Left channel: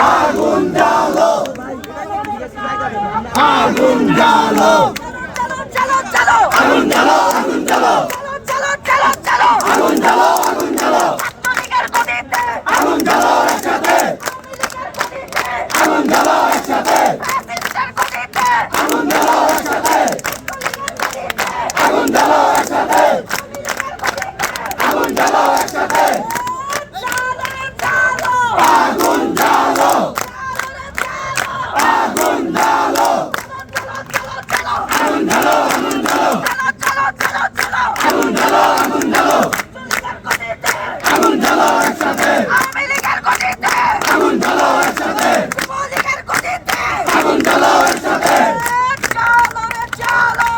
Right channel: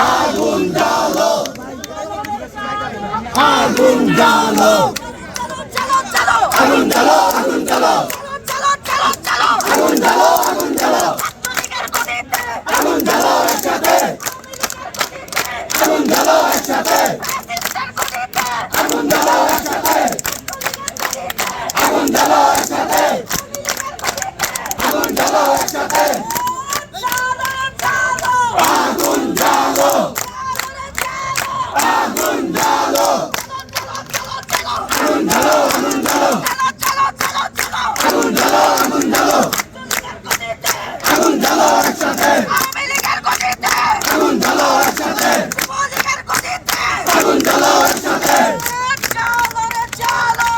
আগুন জ্বালো। আগুন জ্বালো চলো চলো আগুন জ্বালো আগুন জ্বালো চলো আগুন জ্বালো আগুন জ্বালো চলো চলো চলো আগুন জ্বালো আগুন জ্বালো আগুন জ্বালো একসাথে আওয়ামী লীগের গদিতে আগুন জ্বালো একসাথে যুবলীগের গদিতে আগুন জ্বালো একসাথে চলো রে চলো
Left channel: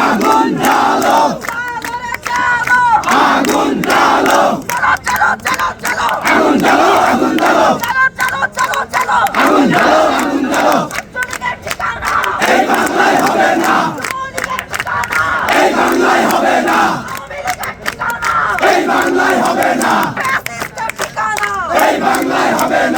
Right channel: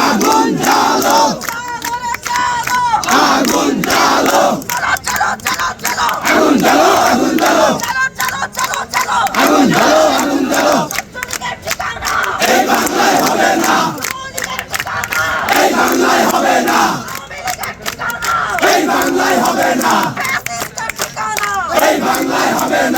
আগুন জ্বালো চলো রে চলো আগুন জ্বালো চলো চলো চলো চলো আগুন জ্বালো আগুন জ্বালো চলো চলো চলো চলো আগুন জ্বালো আগুন ঠিকানা এই বাংলায় হবে না এই বাংলায় হবে না।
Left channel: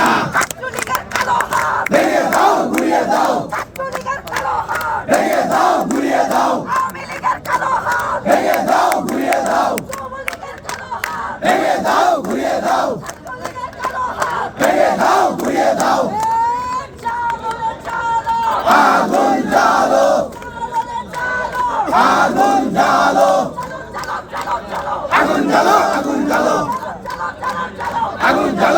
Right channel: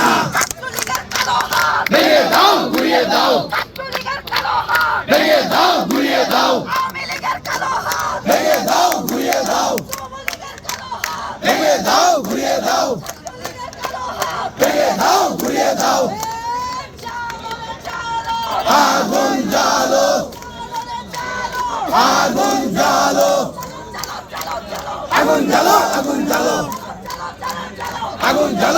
Aguanta.